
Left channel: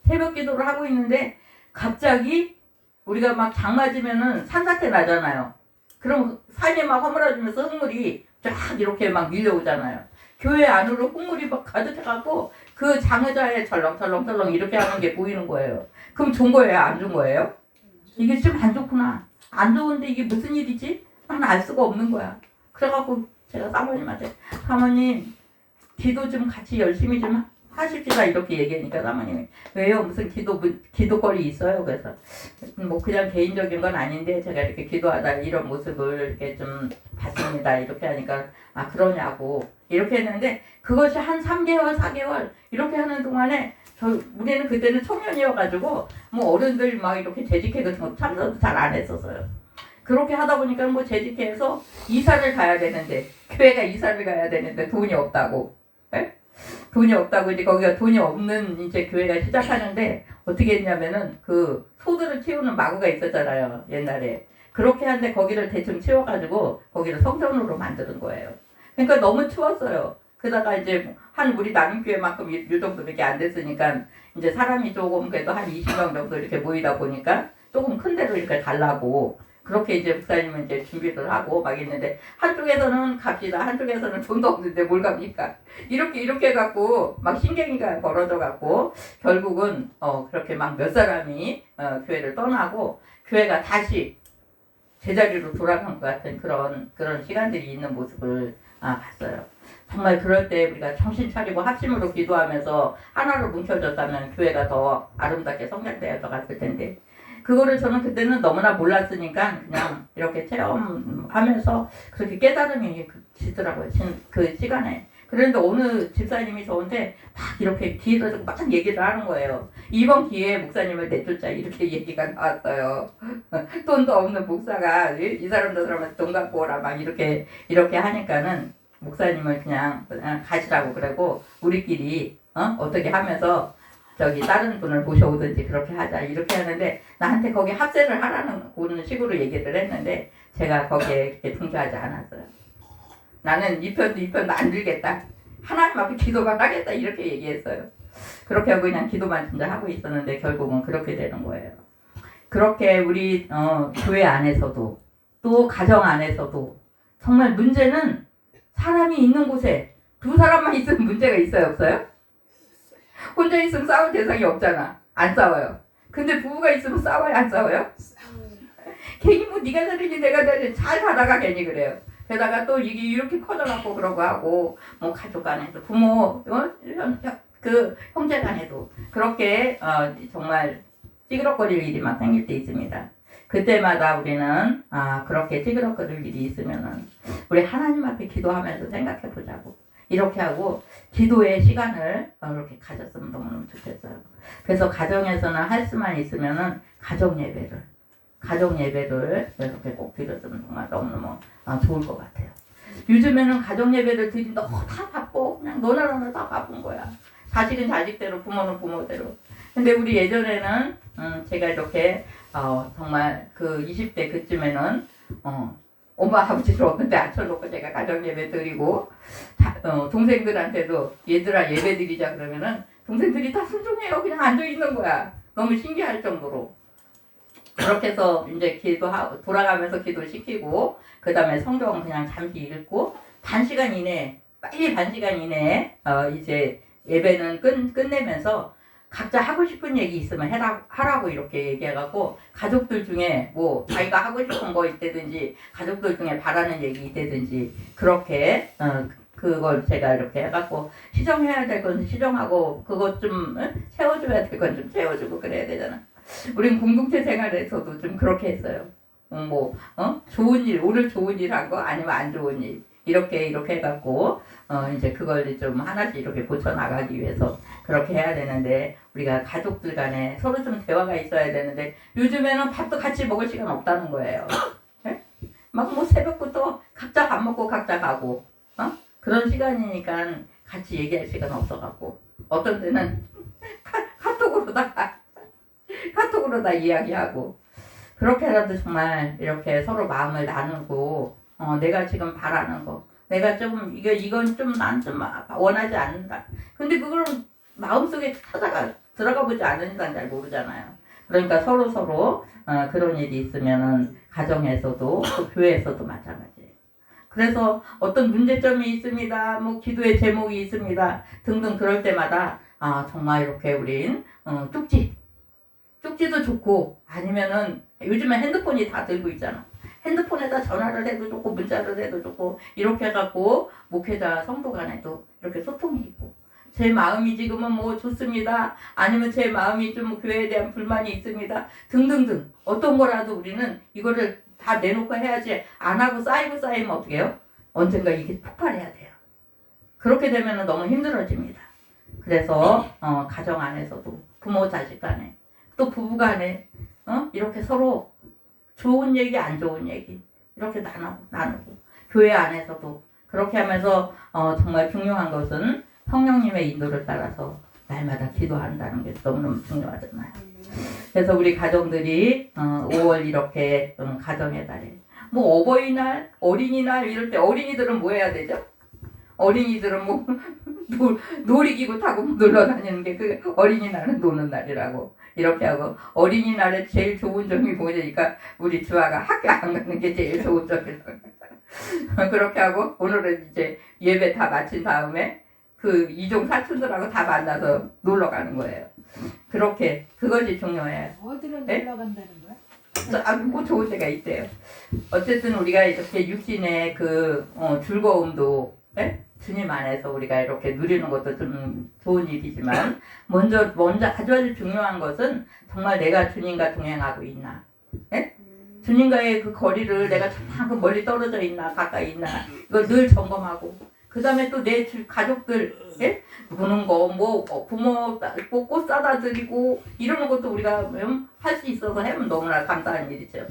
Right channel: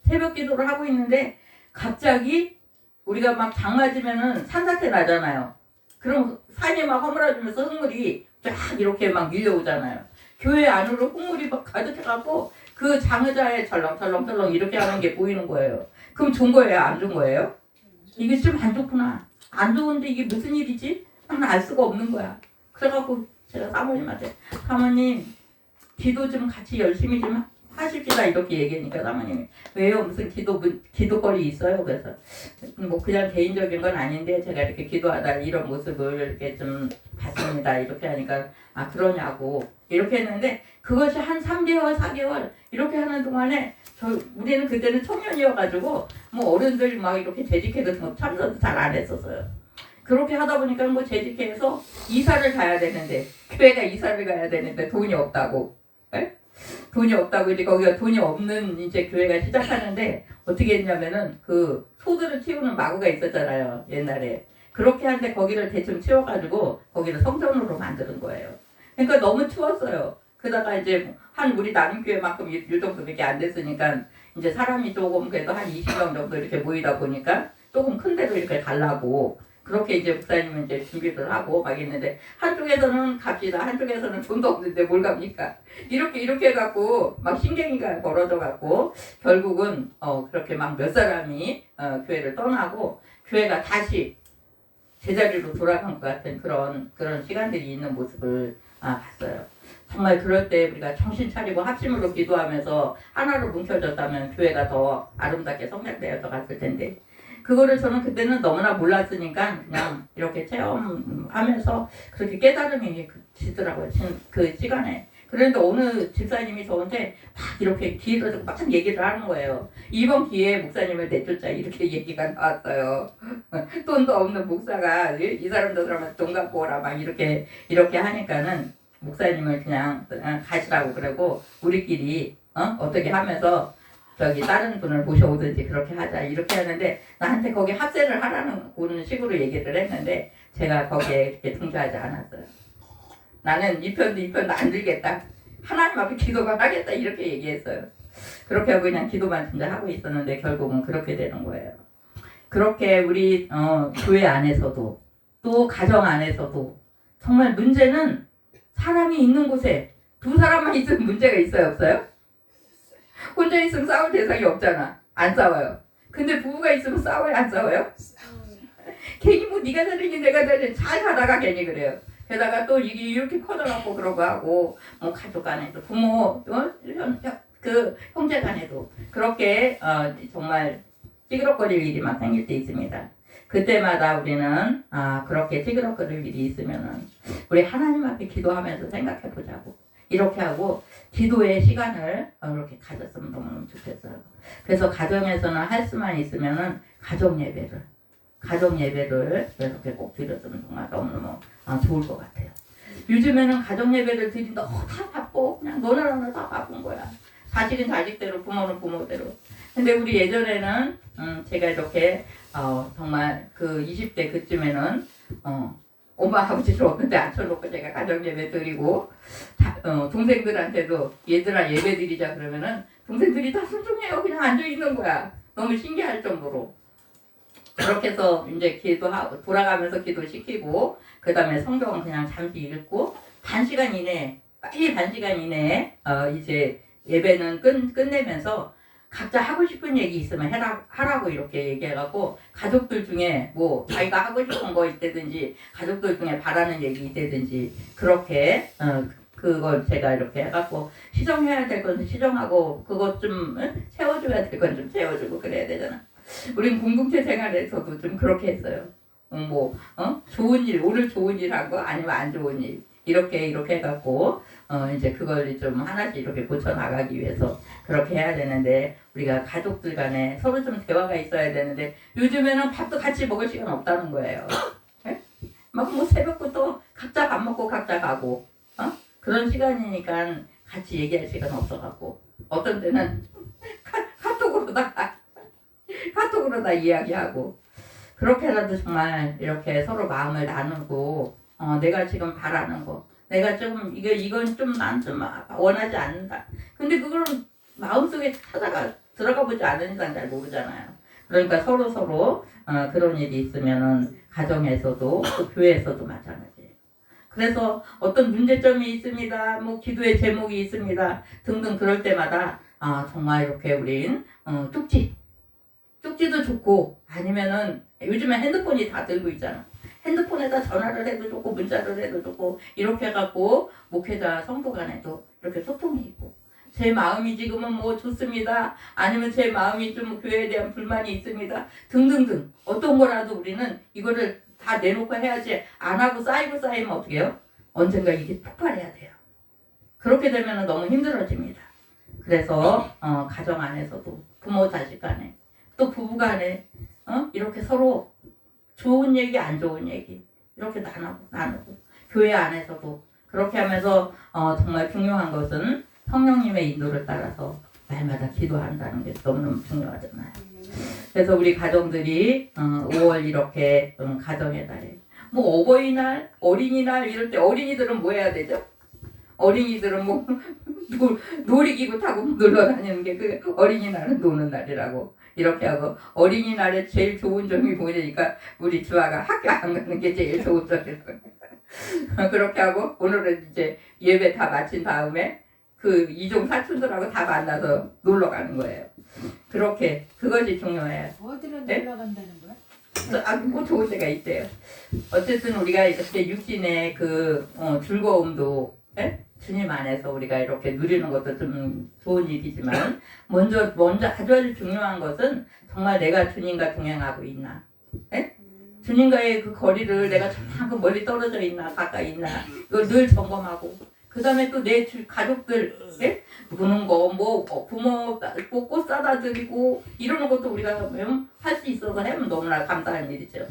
새벽 기도를 하고 있는데 갑자기 우리가 막 장 맞으면은 산사태 나잖아요. 그럼 산이 막 허물어지면서 흙물이 쫙 이렇게 막 밀려오잖아요. 교회 안으로 흙물이 막 가득해갖고 그 장의자에 철렁철렁 이렇게 하는 게 보이는 거예요. 그럼 좋은 거예요? 안 좋은 거예요? 이게 좀 안 좋구나. 안 좋은데 이게 무슨 일이지? 난 알 수가 없는 거야. 그래갖고 제가 사모님한테 사모님 기도 좀 같이 열심히 좀 하십시다 이렇게 얘기하니까 사모님이 왜요? 무슨 기도거리 있어요? 그래서 뭐 그냥 개인적인 건 아닌데 제가 이렇게 기도하다 이런 모습을 이렇게 좀 봤습니다. 이렇게 하니까 그러냐고 이렇게 했는데 그것이 한 3개월 4개월 이렇게 하는 동안에 우리는 그때는 청년이어가지고 뭐 어른들 막 이렇게 재직회 같은 거 참석도 잘 안 했었어요. 그렇게 하다 보니까 뭐 재직회에서 이사를 가야 되는데 교회가 이사를 가야 되는데 돈이 없다고 돈이 없다고 이제 거기가 돈이 없는 이제 교회가 시작하는데 어떻게 했냐면은 그 소들을 키우는 마구가 있었잖아요 옛날에. 그렇게 하는데 거기를 대충 치워가지고 거기를 성전으로 만드는 거예요. 그러니까 너무 추웠어요. 그러다가 이제 한 우리 나눔교회만큼 이 정도밖에 안 됐으니까 이제 사람이 조금 그래도 한 20명 정도 이렇게 모이다 보니까 조금 큰 데로 이렇게 가려고 그렇게 이제 목사님은 이제 준비를 하고 막 있는데 한쪽에서는 갑시다 한쪽에서는 돈도 없는데 뭘 갑니까 이렇게 해갖고 막 신경이가 벌어져 갖고 결국은 그렇게 막 몇 사람이 교회를 떠나고 교회가 다시 제자리로 돌아간 것 같은 그런 시간들이 있는 모습을 봤어요. 정말 그럴 때 우리가 정신 차리고 합심으로 기도하면서 하나로 뭉쳐졌다면 교회가 더 아름답게 성장되어 갔을 텐데 그거를 저는 그때는 너무나 몰랐으니까 그냥 이렇게 체험하면서 그렇게 깨달음이 지더라고요. 그 시간에. 그런데 어느 집사님이 저한테 막 이렇게 뒤에서 막 얘기를 하는 거예요. 이번 기회에 목사님을 내쫓자 이렇게 얘기가 나왔어요. 돈도 없는 목사가 이 사람 저 사람한테 돈 갖고 오라 막 이렇게 하니까는 목사님을 그냥 가시라고 그러고 우리끼리 어떻게 하면서 저기 다른 분을 모셔오든지 그렇게 하자 이렇게 하는데 나한테 거기 합세를 하라는 그런 식으로 얘기를 했는데 제가 거기에 이렇게 동조하지 않았어요. 나는 이 편도 안 들겠다. 하나님 앞에 기도만 하겠다 이렇게 얘기했어요. 그렇게 하고 그냥 기도만 진짜 하고 있었는데 결국은 그렇게 되는 거예요. 그렇게 우리 교회 안에서도 또 가정 안에서도 정말 문제는 사람이 있는 곳에 두 사람만 있으면 문제가 있어요 없어요? 혼자 있으면 싸울 대상이 없잖아. 안 싸워요. 근데 부부가 있으면 싸워요 안 싸워요? 괜히 뭐 네가 다르니 내가 다르니 잘 가다가 괜히 그래요. 게다가 또 이게 이렇게 커져갖고 그러고 하고 뭐 가족 간에도 부모 그 형제 간에도 그렇게 정말 찌그러거릴 일이 막 생길 때 있습니다. 그때마다 우리는 그렇게 찌그러거릴 일이 있으면은 우리 하나님 앞에 기도하면서 생각해 보자고 이렇게 하고 기도의 시간을 이렇게 가졌으면 너무너무 좋겠어요. 그래서 가정에서는 할 수만 있으면은 가정 예배를 이렇게 꼭 드렸으면 정말 너무너무 좋을 것 같아요. 요즘에는 가정 예배를 드린다 다 바빠. 그냥 너나 다 바쁜 거야. 자식은 자식대로 부모는 부모대로. 근데 우리 예전에는 제가 이렇게 정말 그 20대 그쯤에는 엄마 아버지를 없는데 앉혀놓고 제가 가정 예배 드리고 동생들한테도 얘들아 예배 드리자 그러면은 동생들이 다 순종해요. 그냥 앉아 있는 거야. 너무 신기할 정도로. 그렇게 해서 이제 기도하고 돌아가면서 기도시키고 그 다음에 성경 그냥 잠시 읽고 반시간 이내에 이제 예배는 끝내면서 각자 하고 싶은 얘기 있으면 하라고 이렇게 얘기해갖고 가족들 중에 뭐 자기가 하고 싶은 거 있다든지 가족들 중에 바라는 얘기 있다든지 그렇게 그걸 제가 이렇게 해갖고 시정해야 될 건 시정하고 그것 좀 채워줘야 될 건 좀 채워주고 그래야 되잖아. 우린 공동체 생활에서도 좀 그렇게 했어요. 좋은 일, 오늘 좋은 일 한 거 아니면 안 좋은 일 이렇게 해갖고 이제 그걸 좀 하나씩 이렇게 고쳐 나가기 위해서 그렇게 해야 되는데 우리가 가족들 간에 서로 좀 대화가 있어야 되는데 요즘에는 밥도 같이 먹을 시간 없다는 거예요. 네? 막 뭐 새벽부터 각자 밥 먹고 각자 가고 그런 시간이니까 같이 얘기할 시간 없어갖고 어떤 때는 카톡으로 다 이야기하고 그렇게라도 정말 이렇게 서로 마음을 나누고 내가 지금 바라는 거 내가 좀 이건 좀 난 좀 원하지 않는다. 근데 그걸 마음속에 들어가 보지 않은 이상 잘 모르잖아요. 그러니까 서로 그런 일이 있으면은 가정에서도 또 교회에서도 마찬가지예요. 그래서 어떤 문제점이 있습니다. 뭐 기도의 제목이 있습니다. 등등 그럴 때마다 정말 이렇게 우린 쪽지도 좋고 아니면은 요즘에 핸드폰이 다 들고 있잖아. 핸드폰에다 전화를 해도 좋고 문자를 해도 좋고 이렇게 해갖고 목회자 성도 간에도 이렇게 소통이 있고 제 마음이 지금은 뭐 좋습니다. 아니면 제 마음이 좀 교회에 대한 불만이 있습니다. 등등등 어떤 거라도 우리는 이거를 다 내놓고 해야지 안 하고 쌓이면 어떻게 해요? 언젠가 이게 폭발해야 돼요. 그렇게 되면 너무 힘들어집니다. 그래서 가정 안에서도 부모 자식 간에 또 부부 간에 이렇게 서로 좋은 얘기 안 좋은 얘기 이렇게 나누고 교회 안에서도 그렇게 하면서 정말 중요한 것은 성령님의 인도를 따라서 날마다 기도한다는 게 너무너무 중요하잖아요. 그래서 우리 가정들이 5월 이렇게 가정의 달에 뭐 어버이날, 어린이날 이럴 때 어린이들은 뭐 해야 되죠? 어린이들은 뭐 놀이기구 타고 놀러 다니는 게 그 어린이날은 노는 날이라고 이렇게 하고 어린이날에 제일 좋은 점이 뭐냐니까 우리 주아가 학교 안 가는 게 제일 좋은 점이라고 그렇게 하고 오늘은 이제 예배 다 마친 다음에 그 이종 사촌들하고 다 만나서 놀러 가는 거예요. 그렇게 그것이 중요해요. 어디로 네? 놀러 간다는 거야? 뭐 좋은 데가 있대요. 어쨌든 우리가 이렇게 육신의 그 즐거움도 주님 안에서 우리가 이렇게 누리는 것도 좀 좋은 일이지만 먼저 아주 중요한 것은 정말 내가 주님과 동행하고 있나, 예? 주님과의 그 거리를 내가 저만큼 멀리 떨어져 있나 가까이 있나 이걸 늘 점검하고 그 다음에 또 내 가족들, 예? 보는 거, 뭐 부모 꽃 사다 드리고 이러는 것도 우리가 할 수 있어서 하면 너무나 감사한 일이죠.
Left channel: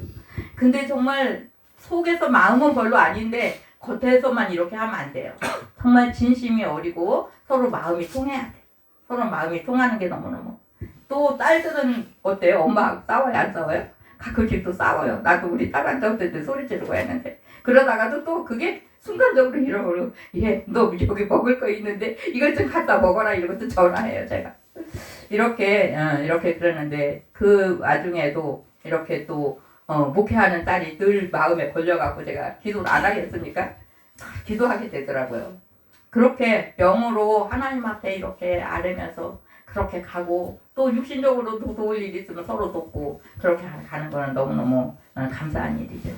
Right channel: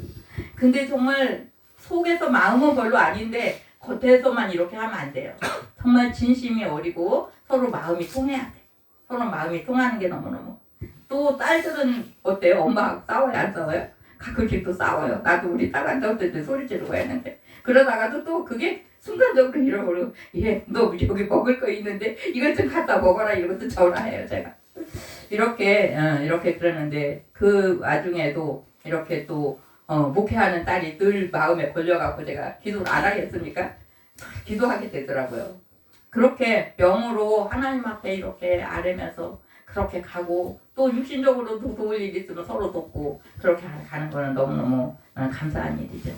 근데 정말 속에서 마음은 별로 아닌데 겉에서만 이렇게 하면 안 돼요. 정말 진심이 어리고 서로 마음이 통해야 돼. 서로 마음이 통하는 게 너무너무. 또 딸들은 어때요? 엄마하고 싸워요? 안 싸워요? 가끔씩 또 싸워요. 나도 우리 딸한테 어쨌든 소리 지르고 했는데 그러다가도 또 그게 순간적으로 잃어버리고 너 여기 먹을 거 있는데 이것 좀 갖다 먹어라 이것도 전화해요 제가. 이렇게 그러는데 그 와중에도 이렇게 또 목회하는 딸이 늘 마음에 걸려갖고 제가 기도를 안 하겠습니까? 기도하게 되더라고요. 그렇게 영으로 하나님 앞에 이렇게 아뢰면서 그렇게 가고 또 육신적으로도 도울 일이 있으면 서로 돕고 그렇게 가는 거는 너무너무 감사한 일이죠.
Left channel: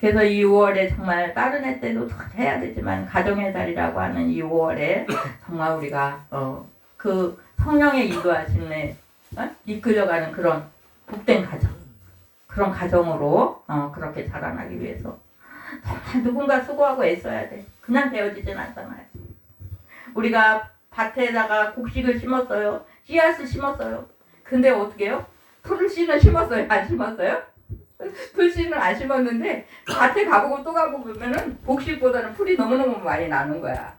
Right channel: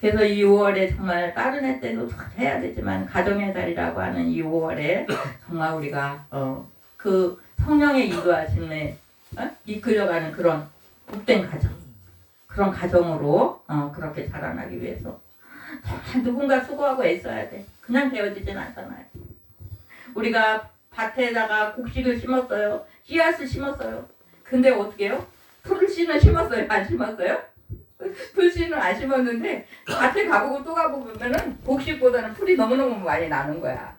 그래서 이 5월에 정말 다른 해 때도 해야 되지만 가정의 달이라고 하는 이 5월에 정말 우리가 그 성령의 인도하심에 이끌려가는 그런 복된 가정, 그런 가정으로 그렇게 자라나기 위해서 정말 누군가 수고하고 애써야 돼. 그냥 되어지진 않잖아요. 우리가 밭에다가 곡식을 심었어요. 씨앗을 심었어요. 근데 어떻게 해요? 풀씨는 심었어요? 안 심었어요? 풀씨는 안 심었는데 밭에 가보고 또 가보면은 곡식보다는 풀이 너무너무 많이 나는 거야.